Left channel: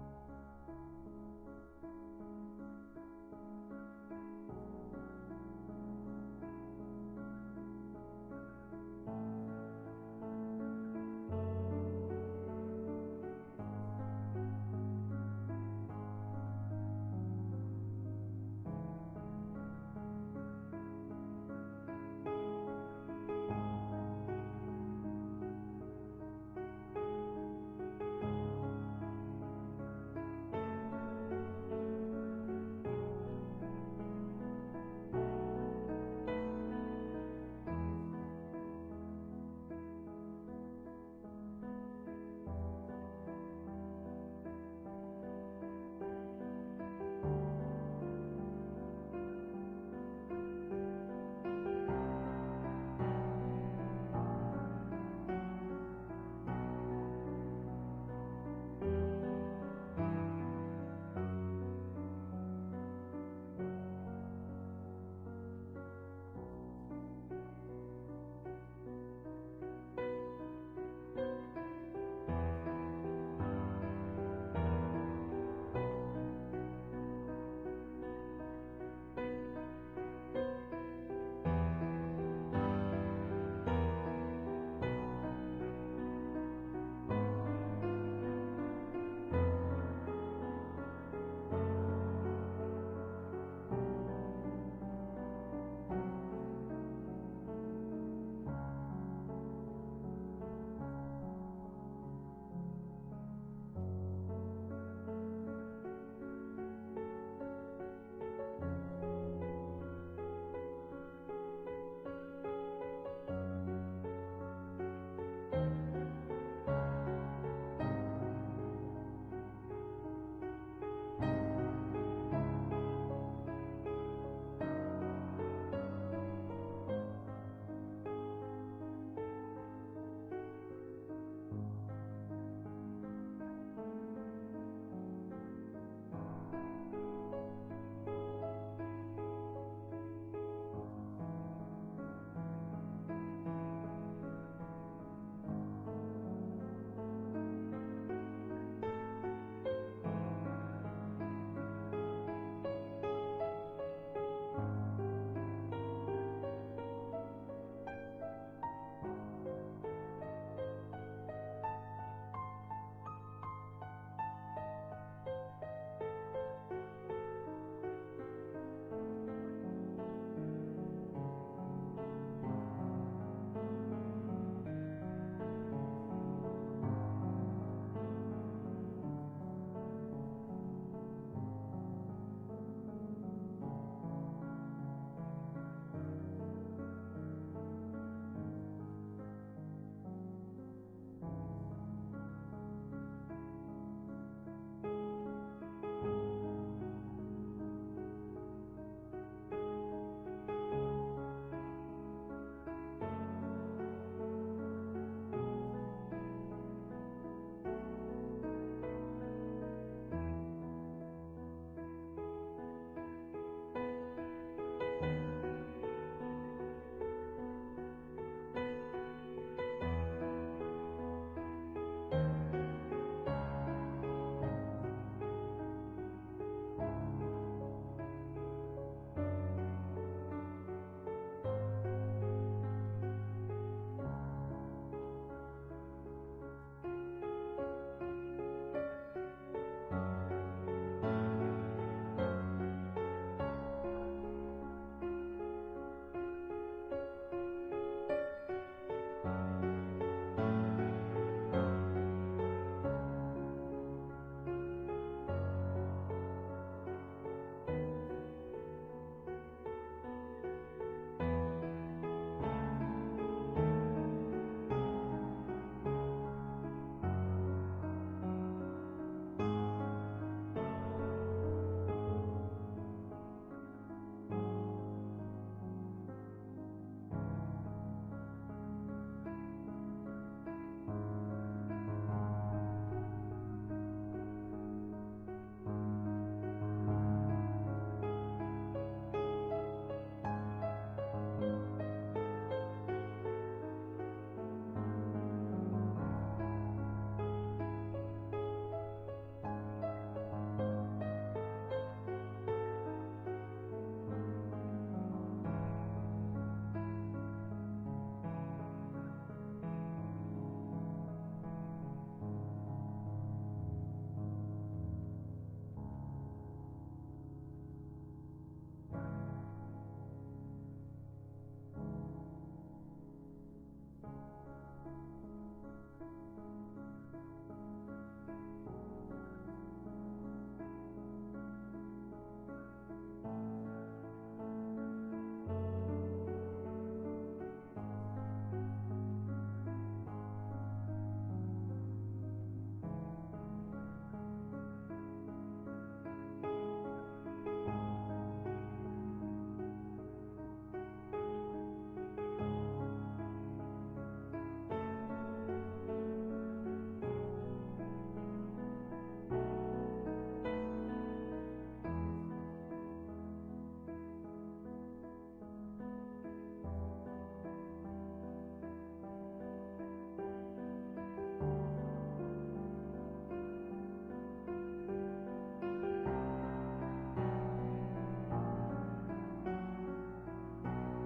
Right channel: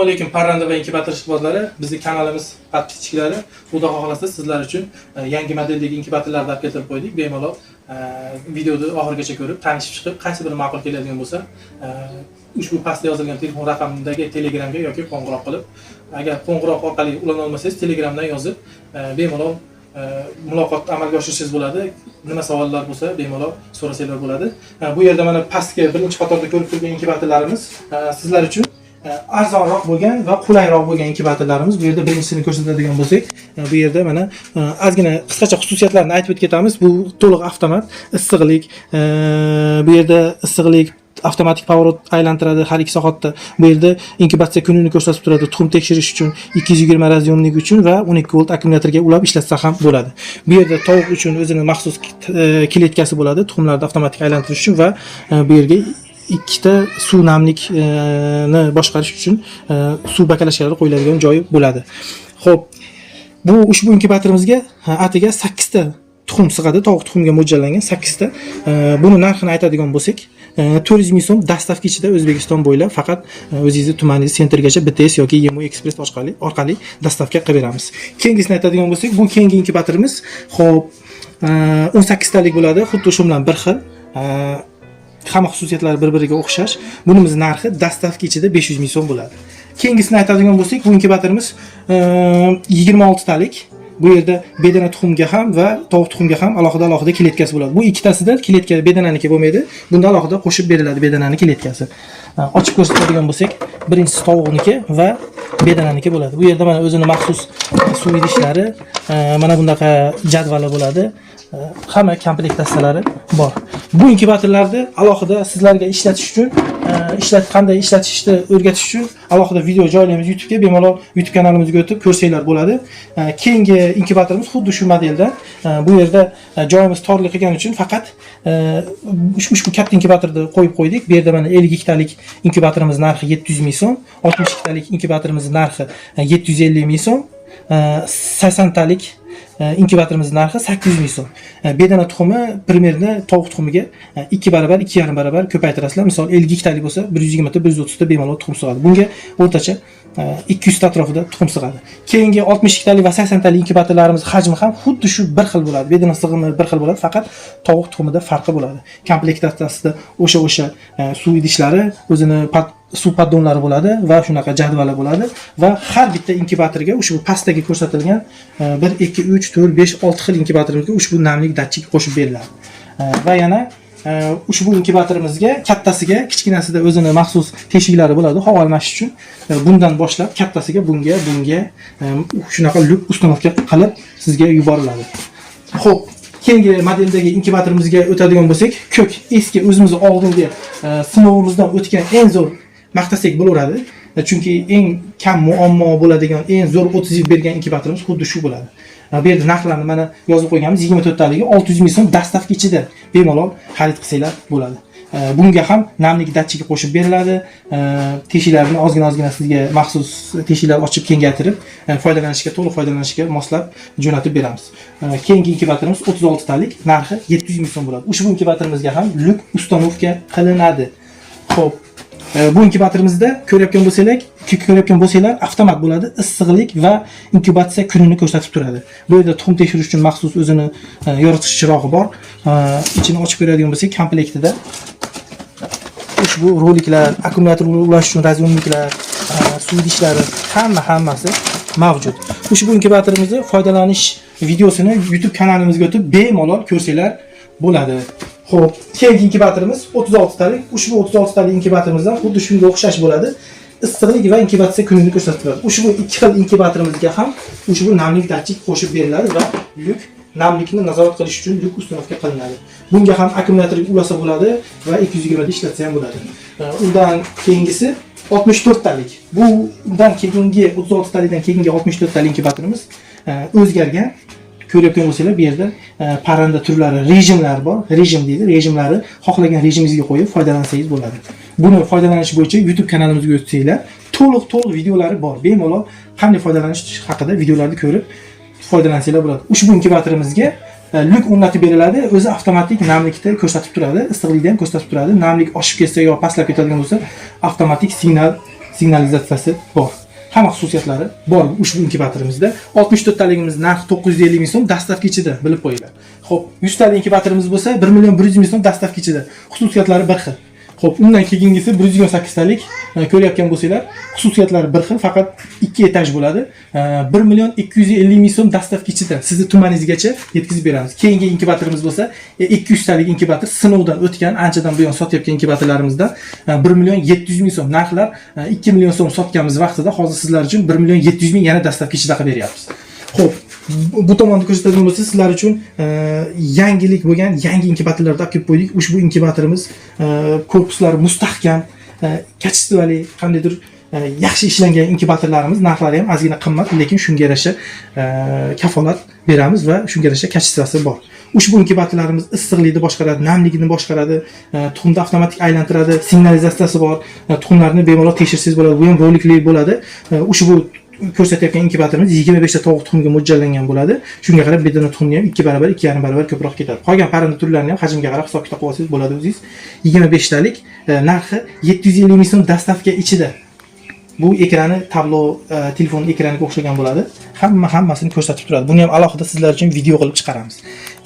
Assalomu alaykum parranda va inkubator ishqibozlari. Bizning kanalimiz podpischiklari. Xudo xohlasa sizlar uchun yangi modeldagi inkubatorlarni olib keltirib qo'ydik. Bemalol videoni oxirigacha ko'rib, tanishib chiqib, qaysi biri ma'qul keladigan bo'lsa, ushbu pastda yozilgan telefon raqamidagi Telegramga yoki qo'ng'iroq qilib, agar qo'ng'iroq orqali ulana olmasangiz, Telegramdan yozib, bemalol muloqot amalga oshirishingiz bo'ladi. Nima savollar bo'lsa, bemalol so'rasanglar bo'ladi. Bu yerda mana pastga birinchi qatorda ko'rib turgan inkubatorlarimiz sizlar uchun arzonroq bo'lgan va qulayroq bo'lgan inkubatorlarimiz. Bu yerda birinchisini ko'rsatadigan bo'lsak, bu yerda mana ozgina qisqacha xususiyatlarini aytib o'tib ketamiz. Bu to'liq avtomat, issiqlik, bu yerda issiqlik avtomatik pavorot aylantiradi har 2 soatda. Bu yerda inkubatsiya kunini ko'rsatib turadi. Tuxum tekshirish uchun 220 raziyonlik uchun va 12 volt akkumulyatorga ulab ishlatsa ham bo'ladi. Bu yerda tovuq uchun o'zining maxsus kletkasi bo'ladi, tuxumlarni avtomatik aylantirish uchun va bu yerga ikkita suv namlikni boshqarish uchun suv bakalashlari qo'yiladigan joyi bo'ladi. Xo'p, bu ushbu inkubatorimizga atiga 8 ta tuxum sig'adi, tovuq tuxumiga mo'ljallangan 8 ta. Buni narxini aytadigan bo'lsak, 400 ming so'm dastavka ichida O'zbekiston bo'ylab faqat o'zingizni tumaningiz sentrgacha BTS yoki Yemo Express orqali dastavka qilib beramiz. Keyingisini aytadigan bo'lsak, bu keyingi inkubatorimiz xo'p 18 talik bo'ladi, xuddi shu bilan bir xil. Hamma xususiyatlari bir-biriga o'xshash. Bunimiz narxi dastavka ichida 500 ming so'm bo'ladi. Keyingisini aytadigan bo'lsak, bu inkubatorimiz 26 talik. Bu yerda bedana tuxumga ham va tovuq tuxumga ham alohida kletkasi bo'ladi. Bu ikkitasida kletka bedananiki bo'lmaydi. Bunda alohida qo'shib beriladi bedanani kletkasi. Ochib ko'rsatadigan bo'lsak, birinchisi tovuqniki va bedananiki bo'ladi. Bu yerda mana o'zining maxsus suv idishlari, mana bunaqa jadvali bo'ladi. Hamma komplekt dastalari bor. Bu inkubatorlarni alohida sizlarga ishlatish uchun, qanday ishlatishni o'rgatish uchun alohida video joylaymiz YouTube'ga. Bemalol YouTube kanalimizga o'tib ko'rsanglar bo'ladi. Keyingi inkubatorimiz xuddi shu modeldan. Bu yerda joyimiz torlik qilgani uchun faqat ushbu katta inkubatorni qo'yib qo'ydik. Bu yerda mana 52 talik inkubatorimiz narxi 700 ming so'm, 62 talik inkubatorimiz narxi 750 ming so'm, 80 talik inkubatorimiz narxi 800 ming so'm. Bedana tuxumi primerni tovuq tuxumiga 2 barobar, 2,5 barobar ko'paytirasizlar. Misol 52 talik bo'lsa, 120 ta, 130 ta bemalol tuxum sig'adi. Bunga o'rtacha 200 ta atrofida tuxum sig'adi. Keyingi 62 talik va 80 talik inkubatorlarimiz hajmi ham xuddi shu bir xil bo'ladi. Bedana sig'imi bir xil bo'ladi, faqat tovuq tuxumida farqi bo'ladi. Komplektatsiyasida o'sha suv idishlari, o'zini suv poddonlari bo'ladi va shunaqa jadvali bo'ladi va har bitta inkubatorga ushbu pastdagi ko'rsatilgan 1 2 3 4 5 6 xil inkubatorimizga ushbu namlik datchik qo'shib beriladi. Va yana ushbu inkubatorimizga kattasiga, kichkinasida o'zini maxsus teshiklari bo'ladi havo almashish uchun. Bundan boshlab kattasiga bunga shunaqa lyuk ustanovka qilib sizga yuboriladi. Xo'p, keyingi modeldagi inkubatorimizga o'tadigan bo'lsak, ko'k eski o'zimiz oldingi sinovimizdan o'tgan eng zo'r maqtasak bo'laveradi. Chunki eng kam muammo bo'ladigan, eng zo'r o'tkazib bergan inkubatorimiz xuddi shu bo'ladi. Bu yerda narxlarni mana yozib qo'yganmiz. 24 taligi 600 ming so'm dastavka ichida bemalol xarid qilsanglar bo'ladi. Bunga ham namlik datchigi qo'shib beriladi. Teshiklarni ozgina sizga maxsus teshiklar ochib kengaytirib, to'liq foydalanishga moslab jo'natib beramiz. Keyingi inkubatorimiz 36 talik, narxi 700 ming so'm bo'ladi. Ushbu inkubatorimizga ham lyuk ustanovka qilinadi. Xo'p, bu inkubatorimizda ko'rayotgan bo'lsanglar, avtomat bo'ladi, issiqlik va inkubatsiya kunini ko'rsatib turadi. Bu yerda tuxum tekshirish uchun maxsus o'zini yoritgich chirog'i bor. Ichini ochib ko'radigan bo'lsak, komplektida ushbu roliklar, akkumulyator ulash uchun raziyonliklar, suv idishlari hammasi mavjud. Ushbu inkubatorimizni foydalanish videosini YouTube kanalimizga o'tib bemalol ko'rsanglar bo'ladi. Xo'p, keyingi inkubatorimiz 36 talik. Ushbu 36 talik inkubatorimizdan xuddi shunga o'xshash bo'ladi. Issiqlik va inkubatsiya kunini ko'rsatib turadi. Ushbu ikki xil inkubatorimizga ham ushbu namlik datchik qo'shib beriladi va lyuk namlikni nazorat qilish uchun lyuk ustanovka qilinadi. Bunga ham akkumulyatorga ulasa bo'ladi va 220 da ishlatsa ham bo'ladi. Undan keyingisi 64 talik. Bundan keyingi 36 talikdan keyingi 64 talik inkubatorimiz o'zgargan. Ko'rayotgan bo'lsanglar, bu yerda parranda turlari, rejimlar bor. Rejim deydi. Rejimlari xohlagan rejimingizga qo'yib foydalansangiz bo'ladi. Buni foydalanish bo'yicha YouTube kanalimizga o'tsanglar, to'liq videolari bor. Bemalol qanday foydalanish haqida videolarni ko'rib foydalansanglar bo'ladi. Ushbu inkubatorimizga lyuk o'rnatib beriladi, o'zi avtomatik namlikni ko'rsatib turadi, issiqlikni ham ko'rsatib turadi. Namlik oshib ketsa yo pastlab ketadigan bo'lsa, avtomatik signalizatsiyasi bor. Hamma xususiyatlari bor ushbu inkubatorimizda. 64 taligimiz narxi 950 ming so'm dastavka ichida, bilib qo'yinglar. Xo'p, 100 talik inkubatorimiz bo'lsa 1 million 100 ming so'm dastavka ichida. Xususiyatlari bir xil. Xo'p, undan keyingisi 128 talik ko'ryapgan bo'lsanglar, xususiyatlari bir xil, faqat 2 etaj bo'ladi. 1 million 250 ming so'm dastavka ichida sizni tumaningizgacha yetkazib beramiz. Keyingi inkubatorimiz bo'lsa 200 talik inkubator, sinovdan o'tgan, anchadan buyon sotayotgan inkubatorlarimizdan 1 million 700 ming so'm. Narxlar 2 million so'm sotganmiz vaqtida hozir sizlar uchun 1 million 700 ming yana dastavka ichida qilib beryapmiz. Xo'p, bu tomonda ko'rsatadigan bo'lsa, sizlar uchun yangilik bo'lgan yangi inkubatorlarni olib kelib qo'ydik. Ushbu inkubatorimiz korpuslari mustahkam, kачествовали, qandaydir yaxshi ishlangan inkubatorlarimiz, narxlari ham ozgina qimmat, lekin shunga yarasha kafolat beramiz va shunga yarasha kачествоsi bor. Ushbu inkubatorlarimiz issiqlikni boshqaradi, namlikni boshqaradi, tuxumni avtomatik aylantiradi, signalizatsiyasi bor. Tuxumlarni bemalol tekshirsangiz bo'ladi, bu ham rolikli bo'ladi. Ushbu ko'rsatayotgan inkubatorimiz 25 ta tovuq tuxumiga mo'ljallangan bo'ladi. Shunga qarab bedana tuxumni ham 2 barobar, 2,5 barobar ko'proq ketadi. Qolgan parranda turlarini ham hajmga qarab hisob-kitob qilib olsangiz bo'ladi o'zingiz. 25 talik narxi 750 ming so'm dastavka ichida. Bu ekrani tablo telefon ekraniga o'xshagan bo'ladi. Hammasini ko'rsatib turadi. Buni ham alohida sizlar uchun video qilib chiqaramiz.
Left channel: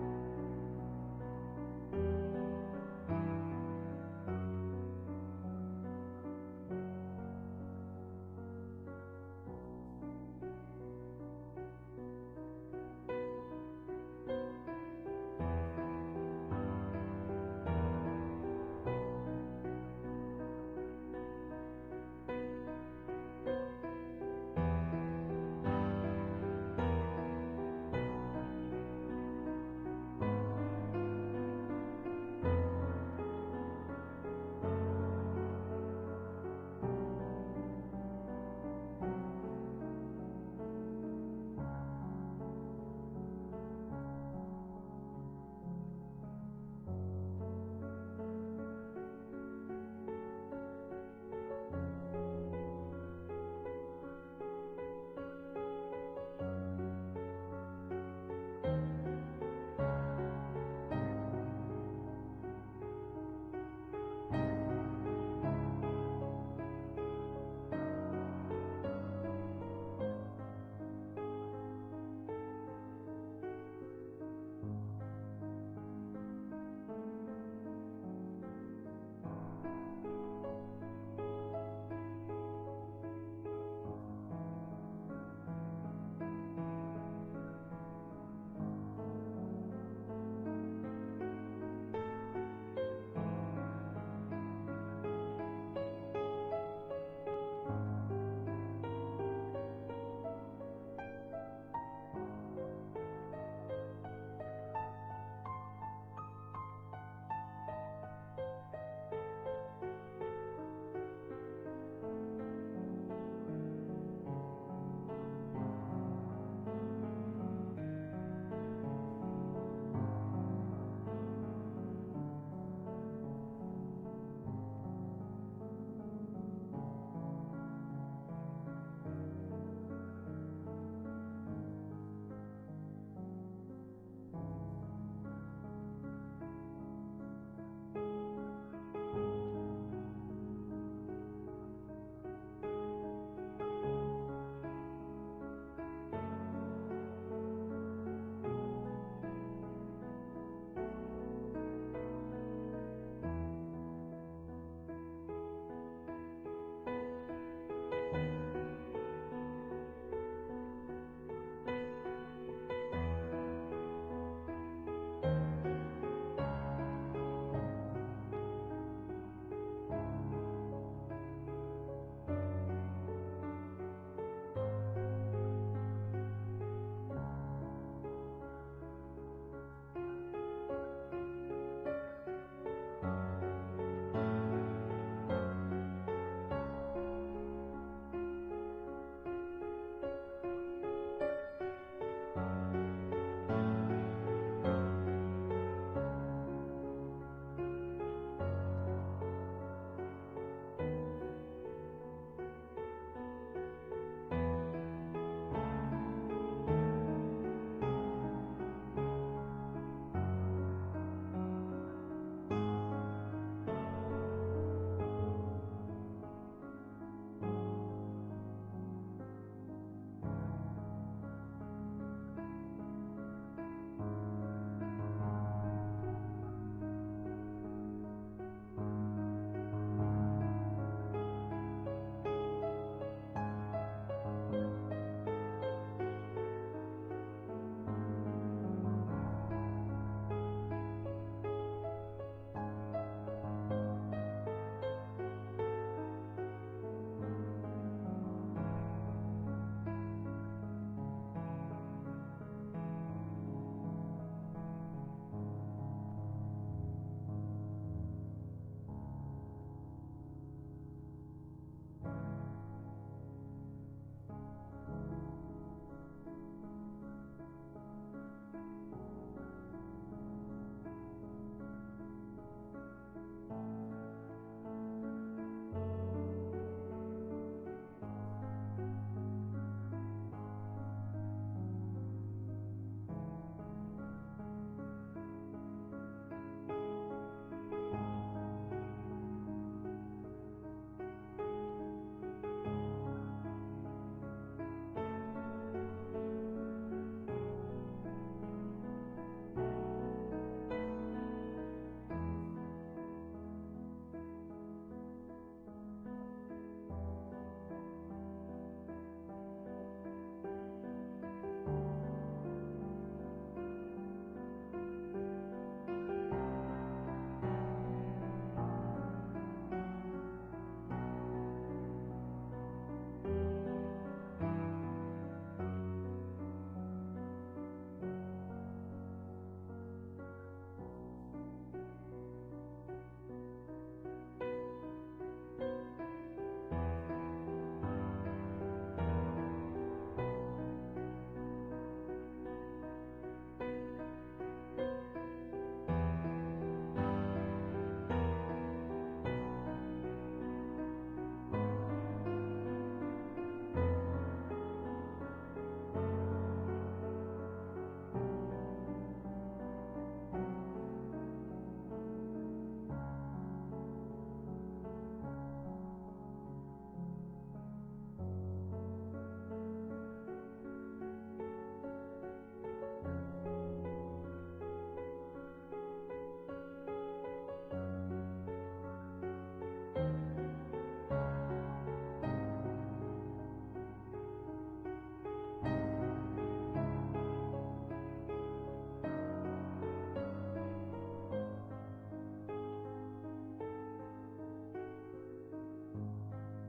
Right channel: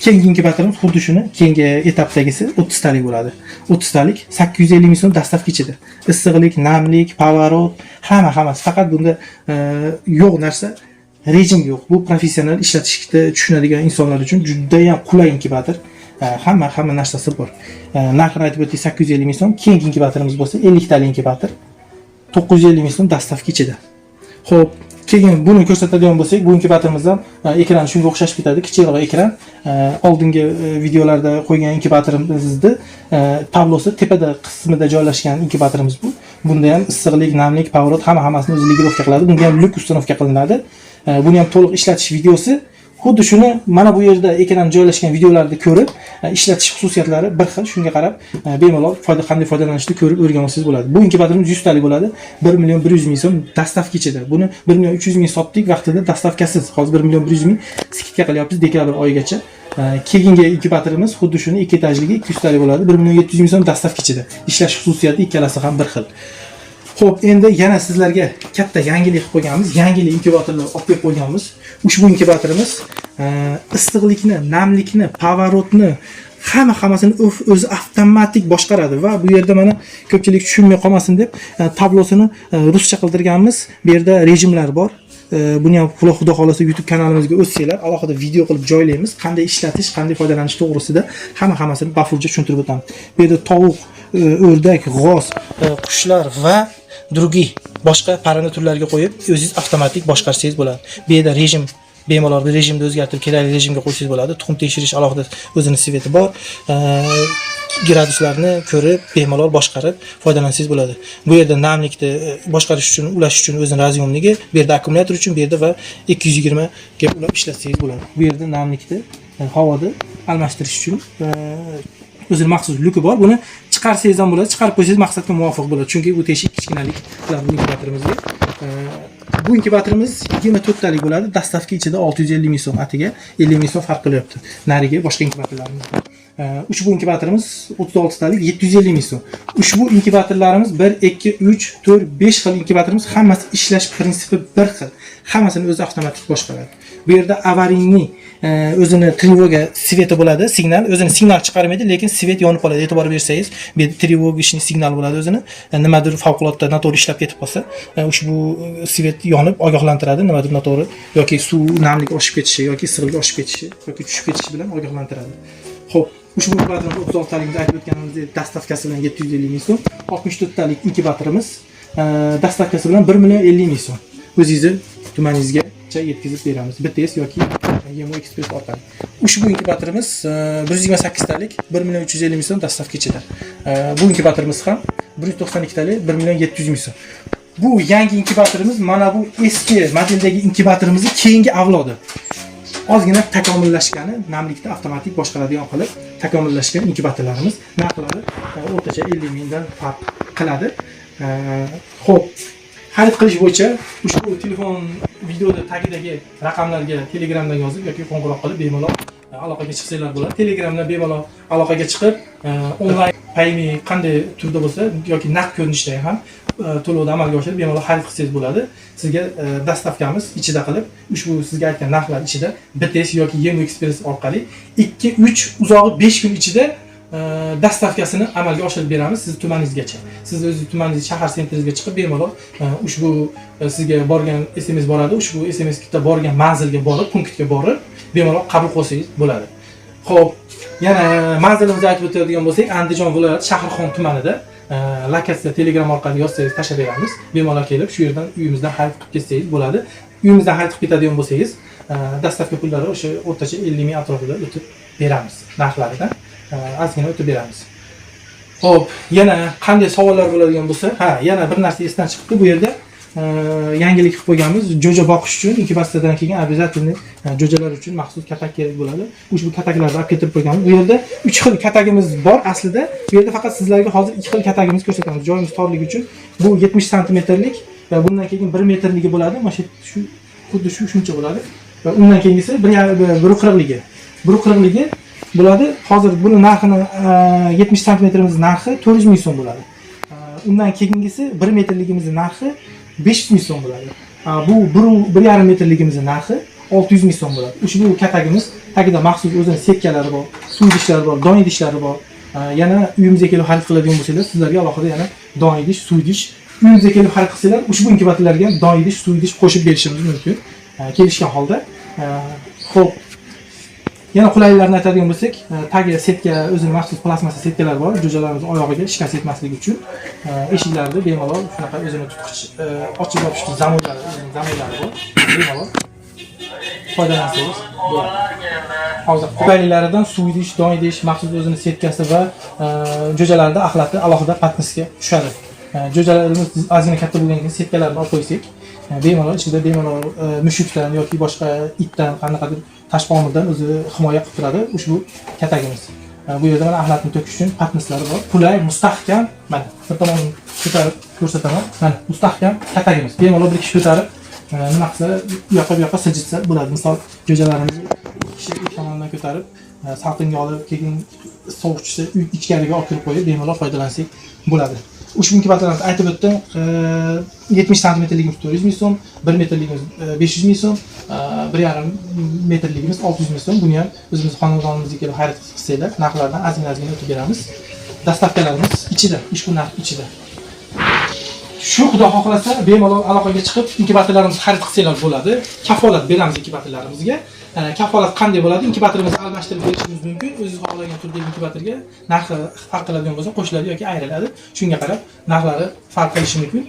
Keyingi inkubatorimiz xuddi shuni, keyingi etapdagisi 30 talik bo'ladi. 30 talik 850 ming so'm dastavka ichida. Issiqlik, namlik, pavorot, hammasi. Faqat bunda yo'q narsa rejim yo'q. Bu professional ishlatishni tushunadigan insonlar uchun juda ham qulay inkubator. Hamma narsasi bor. Narxini aytib o'tdik 850 ming so'm. Keyingi inkubatorimiz bo'lsa 50 talik inkubator. 950 ming so'm dastavka ichida. Xo'p, keyin buni ko'rsatadigan bo'lsak, bu inkubatorimiz ham ekrani shunga o'xshashib ketadi, kichikroq ekran. Oldingi videolarda qo'ygan inkubatorimizni tablosi tepada qismida joylashgan inkubatorimiz bu. Bunda ham issiqlik, namlik, pavorot hammasini o'zi legirovka qiladi. Bunga ham lyuk ustanovka qilinadi. Buni ham to'liq ishlatish videosi xuddi shuni mana bu yerda ekran joylashgan videolarni ko'rib, ishlatish xususiyatlari bir xil. Shunga qarab, bemalol qanday foydalanishni ko'rib o'rgansangiz bo'ladi. Bu inkubatorimiz 100 talik bo'ladi. 1 million 100 ming so'm dastavka ichida. Buni 1 million 300 ming sotdik vaqtida dastavkasiz. Hozir 1 million 100 ming skidka qilyapmiz dekabr oyigacha. Keyingi inkubatorimiz xuddi shuni 2 etajligi 200 talik bo'ladi. 1 million 700 ming so'm dastavka ichida. Ishlash xususiyati ikkalasi ham bir xil. Xo'p, endi yana sizlarga katta yangilik qilib qo'yganmiz. Yangilik inkubatorlar olib kelib qo'yganmiz. Ushbu inkubatorimiz issiqlikni, namlikni, pavorotni hammasini o'zi avtomatik boshqaradi va bu yerda mana ko'pchilik tushunmay qolmasin deb tablosini ruscha qildirganmiz. Bu yerda rejimlar bor. Buni ham Xudo xolasa YouTube kanalimizga o'tsanglar, alohida video qilib joylaymiz. Qanday ishlatish, qanday foydalanish to'g'risida hammasini bafurja tushuntirib o'tamiz. Bu yerda tovuq, o'rdak, g'oz, qushlar va drugi boshqa parranda turlariga qo'yib, o'zingiz avtomatik boshqarsangiz bo'ladi. Bu yerda rejim bemalol rejimni o'zgartirib, kerakli rejimga qo'ysangiz bo'ladi. Tuxum tekshirish alohida o'zining sveti bor. Graduslarni ko'rib, bemalol boshqarib foydalansangiz bo'ladi. Bu yerda namlikni boshqarish uchun, ulash uchun o'zining raziyomligi, bu yerda akkumulyator uchun, bu yerda va 220 ga ulab ishlatsangiz bo'ladi. Bu yerda namlikni havoda almashtirish uchun o'zining maxsus luki bor. Buni chiqarsangiz ham bo'ladi, chiqarib qo'ysangiz maqsadga muvofiq bo'ladi. Chunki bu teshik kichkinalik qiladi bu inkubatorimizga. Bu inkubatorimiz 24 talik bo'ladi. Dastavka ichida 650 ming so'm, atiga 50 ming so'm farq qilyapti. Nariga boshqa inkubatorlarimiz bor. Ushbu inkubatorimiz 36 talik 750 ming so'm. Ushbu inkubatorlarimiz 1, 2, 3, 4, 5 xil inkubatorimiz, hammasi ishlash prinsipi bir xil. Hammasini o'zi avtomatik boshqaradi. Bu yerda avariyni o'zini trevoga sveti bo'ladi, signal, o'zini signal chiqarmaydi, lekin svet yonib qoladi. E'tibor bersangiz, bu yerda trevogishni signal bo'ladi o'zini. Nimadir favqulodda noto'g'ri ishlab ketib qolsa, ushbu svet yonib ogohlantiradi, nimadir noto'g'ri yoki suv namlik oshib ketishi yoki issiqlik oshib ketishi yoki tushib ketishi bilan ogohlantiradi. Xo'p, ushbu inkubatorimiz 36 talikda aytib o'tganimizdek dastavkasi bilan 750 ming so'm, 64 talik inkubatorimiz dastavkasi bilan 1 million 50 ming so'm. O'zingizni tumaningizga yetkazib beramiz. Bitez yoki Yemo Express orqali. Ushbu inkubatorimiz 128 talik 1 million 350 ming so'm dastavka ichida. Bu inkubatorimiz ham 192 talik 1 million 700 ming so'm. Bu yangi inkubatorimiz mana bu eski modeldagi inkubatorimizni keyingi avlodi. Ozgina takomillashgani, namlikni avtomatik boshqaradigan qilib takomillashgan inkubatorlarimiz. Narxlari o'rtacha 50 mingdan farq qiladi. Xo'p, xarid qilish bo'yicha ushbu telefon videoda tagidagi raqamlarga Telegramdan yozib yoki qo'ng'iroq qilib bemalol aloqaga chiqsanglar bo'ladi. Telegramdan bemalol aloqaga chiqib, onlayn payment qanday turda bo'lsa yoki naqd ko'rinishda ham to'lovda amalga oshirib bemalol xarid qilsangiz bo'ladi. Sizga dastavkamiz ichida qilib, ushbu sizga aytgan narxlar ichida BTS yoki Yem Express orqali 2-3 uzog'i 5 kun ichida dastavkasini amalga oshirib beramiz siz tumaningizgacha. Siz o'z tumaningiz shahar sentringizga chiqib bemalol ushbu sizga borgan SMS boradi. Ushbu SMSga borgan manzilga borib, punktga borib bemalol qabul qilsangiz bo'ladi. Xo'p, yana manzilimizni aytib o'tadigan bo'lsak, Andijon viloyati Shahrixon tumanida lokatsiya Telegram orqali yozsangiz tashlab beramiz. Bemalol kelib, shu yerdan uyimizdan xarid qilib ketsangiz bo'ladi. Uyimizdan xarid qilib ketadigan bo'lsangiz, dastavka pullari o'sha o'rtacha 50 ming atrofida o'tib beramiz. Narxlaridan ozgina o'tib beramiz. Xo'p, yana qanday savollar bo'ladigan bo'lsa, yana bir narsa esdan chiqibdi. Bu yerda yangilik qilib qo'yganmiz. Jo'ja boqish uchun inkubatsiyadan keyin обязательно jo'jalar uchun maxsus katak kerak bo'ladi. Ushbu kataklarni olib keltirib qo'yganmiz. Bu yerda 3 xil katagimiz bor aslida. Bu yerda faqat sizlarga hozir 2 xil katagimiz ko'rsatamiz. Joyimiz torligi uchun bu 70 santimetrlik va bundan keyin 1 metrligi bo'ladi. Mana shu xuddi shuncha bo'ladi. Va undan keyingisi 1.40ligi. 1.40ligi bo'ladi. Hozir buni narxini 70 santimetrimiz narxi 400 ming so'm bo'ladi. Undan keyingisi 1 metrligimizning narxi 500 ming so'm bo'ladi. Bu 1.5 metrligimizning narxi 600 ming so'm bo'ladi. Ushbu katagimiz tagida maxsus o'zining setkalari bor, suv idishlari bor, don idishlari bor. Yana uyimizga kelib xarid qiladigan bo'lsangiz, sizlarga alohida yana don idish, suv idish, uyimizga kelib xarid qilsanglar, ushbu inkubatorlarga ham don idish, suv idish qo'shib berishimiz mumkin. Kelishgan holda. Xo'p, yana qulayliklarni aytadigan bo'lsak, tagiga setka, o'zining maxsus plastmassa setkalar bor. Jo'jalarimiz oyog'iga shikast yetmasligi uchun eshiklarni bemalol shunaqa o'zini tutqich ochib yopishli zamonlari bor. Bemalol foydalansangiz bo'ladi. Hozir qulayliklaridan suv idish, don idish, maxsus o'zining setkasi va jo'jalarda axlati alohida patnisga tushadi. Jo'jalarimiz ozgina katta bo'lgandan keyin setkalarni olib qo'ysak, bemalol ichida mushukdan yoki boshqa itdan qanaqadir tashqomirdan o'zi himoya qilib turadi ushbu katagimiz. Bu yerda mana axlatni to'kish uchun patnislari bor. Qulay, mustahkam, mana bir tomonini ko'tarib ko'rsataman. Mana mustahkam katagimiz. Bemalol bir kishi ko'tarib nima qilsa, bu yoqqa siljitsa bo'ladi. Misol jo'jalarimizni kishi ikki tomondan ko'tarib, salqinga olib, keyin sovuqchisi uy ichkariga olib kirib qo'yib, bemalol foydalansak bo'ladi. Ushbu inkubatorlarni aytib o'tdim. 70 santimetrligimiz 400 ming so'm, 1 metrligimiz 500 ming so'm, 1.5 metrligimiz 600 ming so'm. Buni ham o'zimiz xonadonimizga kelib xarid qilsanglar, narxlardan ozgina o'tib beramiz. Dastavkalarimiz ichida, ushbu narx ichida. Shu xudo xohlasa bemalol aloqaga chiqib inkubatorlarimizni xarid qilsanglar bo'ladi. Kafolat beramiz inkubatorlarimizga. Kafolat qanday bo'ladi? Inkubatorimizni almashtirib berishimiz mumkin. O'zingiz xohlagan turdagi inkubatorga narxi farq qiladigan bo'lsa, qo'shiladi yoki ayriladi. Shunga qarab narxlari farq qilishi mumkin.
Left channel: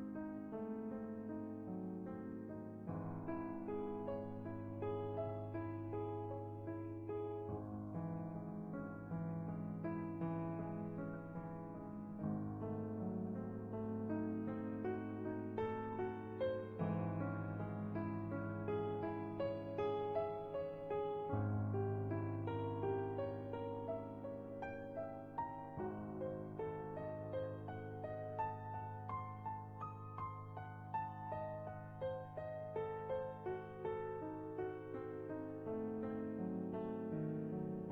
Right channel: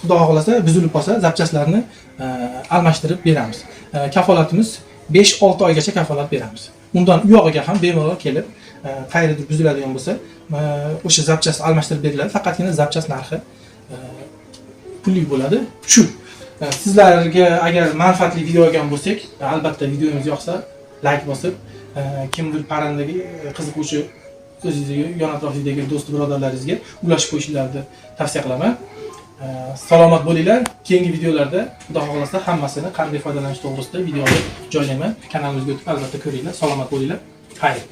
Xudo xohlasa buzilib qolsa, zapchastlarni almashtirib beramiz. Kafolatimiz 5-6 oygacha kafolat beramiz. Undan u yog'iga ham bemalol kelib, qayerdir buziladigan bo'lsa, o'sha zapchast almashtirib beriladi. Faqatgina zapchast narxi pulli bo'ladi. Shu sizlarga agar manfaatli video olgan bo'lsak, albatta videomiz yoqsa, like bosib, kimdir parrandagi qiziquvchi o'zingizga, yon atrofingizdagi do'st birodarlaringizga ulashib qo'yishingizni tavsiya qilaman. Salomat bo'linglar. Keyingi videolarda xudo xohlasa hammasini qanday foydalanish to'g'risida videolar joylayman. Kanalimizga o'tib albatta ko'ringlar. Salomat bo'linglar. Xayr.